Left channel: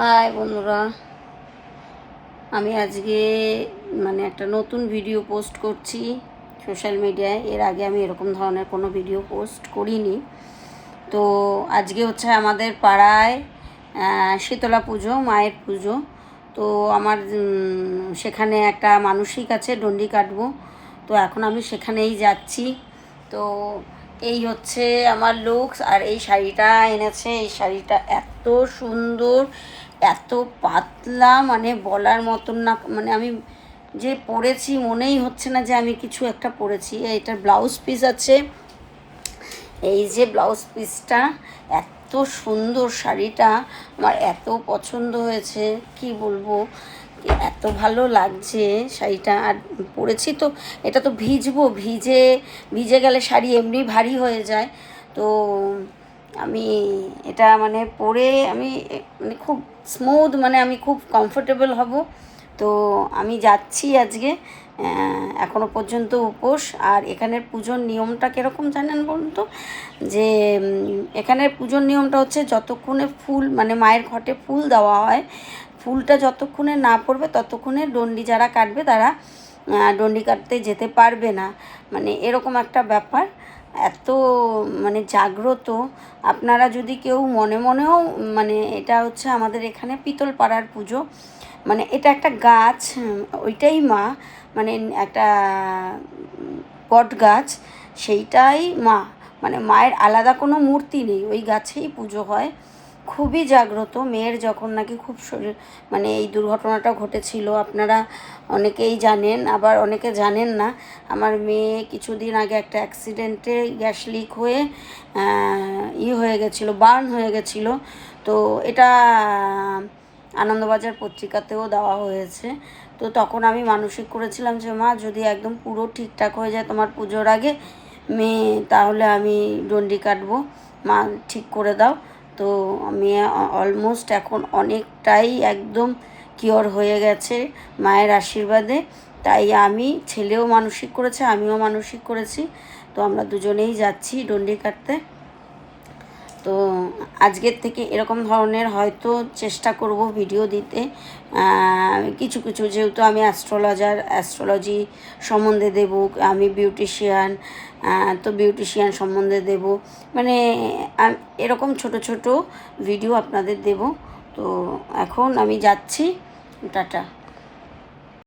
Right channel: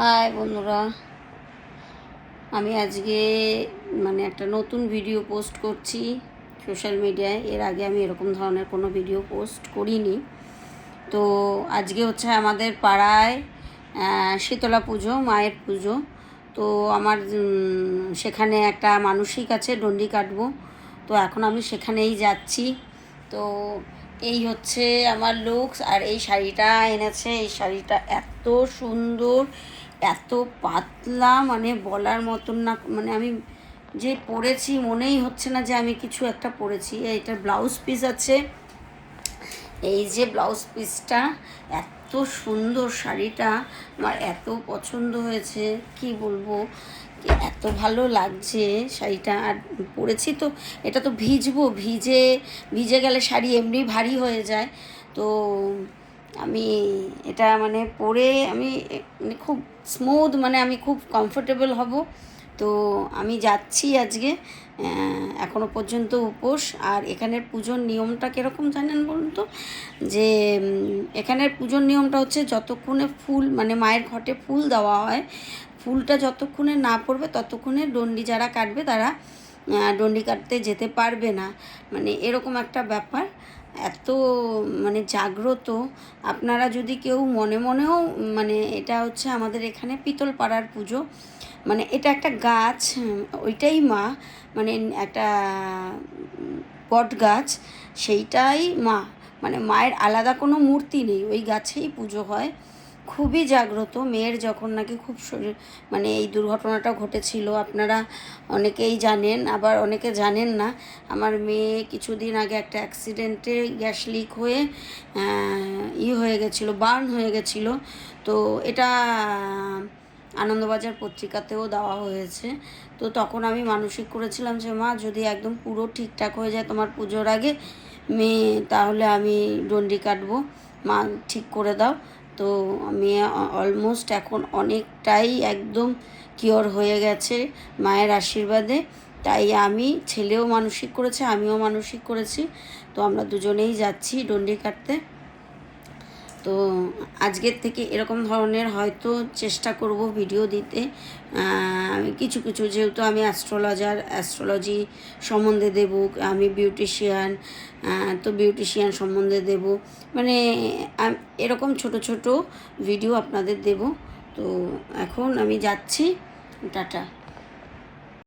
High বন্ধুরা, আমি আজকে একটা নতুন ভিডিও পোস্ট করছি সোশ্যাল মিডিয়ায়। এর আগে আমি এরকম ধরনের কোনো ভিডিও পোস্ট করিনি। তো আজকে হচ্ছে আমাদের পাড়ায় শীতলা পুজো, মায়ের পুজো। তো আমার সেখানে একটা মানসিক আছে, ডন্ডি কাটবো। তো এখন আমি সেখানেই যাচ্ছি। তো এই হচ্ছে আমার লুকস। আর এই শাড়িটা এনেছে, এই শাড়িটা এত সুন্দর, এত পাতলা, বলার মতন না। আমি যে পরেছি মনেই হচ্ছে না যে আমি কিছু একটা পরেছি। এটার ব্লাউজ পিস আছে, এই যে ব্লাউজ পিসটা এত সুন্দর। শাড়িটা আমার এত পছন্দ হয়েছে, কি বলবো, এত ভালো লাগছে শাড়িটা। আর পরেছি তো, এটা তো ভিজে গেলে শাড়ি এমনি ভারী হয়ে যায়। তো আমি এটা পরে আমি খুব স্মুথ, আমি খুব কমফোর্টেবল হব। তো আমি যাচ্ছি আজকে। এখনো পর্যন্ত উপোস। আর এখানের পুজোর নিয়মটা কীরকম জানেন বলুন তো? যে এখানের পুজোর নিয়মটা হচ্ছে, যতক্ষণে ফুল মায়ের ঘটে ফুল দেওয়া হয়, ফুলটা যতক্ষণে না পড়বে ততক্ষণে ডন্ডি যারা কাটবে তারা ডন্ডি কাটতে যেতে পারবে না। এরকম একটা ব্যাপার। এত জাগ্রত। আপনারা যদি কেউ মনে মনেও এটা হচ্ছে আমাদের এখানে পিতল পাড়ার পুজো। এটা একটা গাছ, ওইটাই মা, একটা বট গাছ, সেইটাই মা। মায়ের আলাদা কোনো মূর্তি নেই, ওই গাছেই পুজো হয়। খুবই জাগ্রত। মেয়ের যখন নাকি খুব শরীর এই দুর্ঘটনাটা ঘটেছিল, আপনারা অনেকেই জানেন, আবার অনেকে জানেন না। আমার মেয়ে কিছুদিন আগে একটা অ্যাক্সিডেন্টে গ্যাস লিক হয়ে হয়ে গেছিলো, বার্ন হয়ে গেছিলো। তো এটা আনন্দবাজার পত্রিকাতেও দেওয়া হয়েছে। তো তখন আমি মানসিক করেছিলাম যে মা, যদি একদম পুরো ঠিকঠাক হয়ে যায় তোমার পুজোর আগে মেয়ে, তাহলে আমি ডন্ডি কাটবো, মা ঠিক করে দাও। তো আমি অলমোস্ট এখন অনেকটাই একদম কিওর হয়ে গেছে মায়ের আশীর্বাদে। তাই আমি, ছেলেও মানসিক করেছে, আমিও মানসিক করেছি। তো আমরা দুজনেই যাচ্ছি ডন্ডি কাটতে। তো আজকের থেকে এরকম ধরনের হয়তো চেষ্টা করব ভিডিও দিতে। কিছু কিছু, যেহেতু আমি অ্যাস্ট্রোলজি সম্বন্ধে দেব, আমি বিউটিশিয়ান, তো বিউটিশিয়ান সম্বন্ধে দেব। এরকম ছোট ছোট ভিডিও আপনাদের দেব। তো এখন আমি যাচ্ছি, টাটা।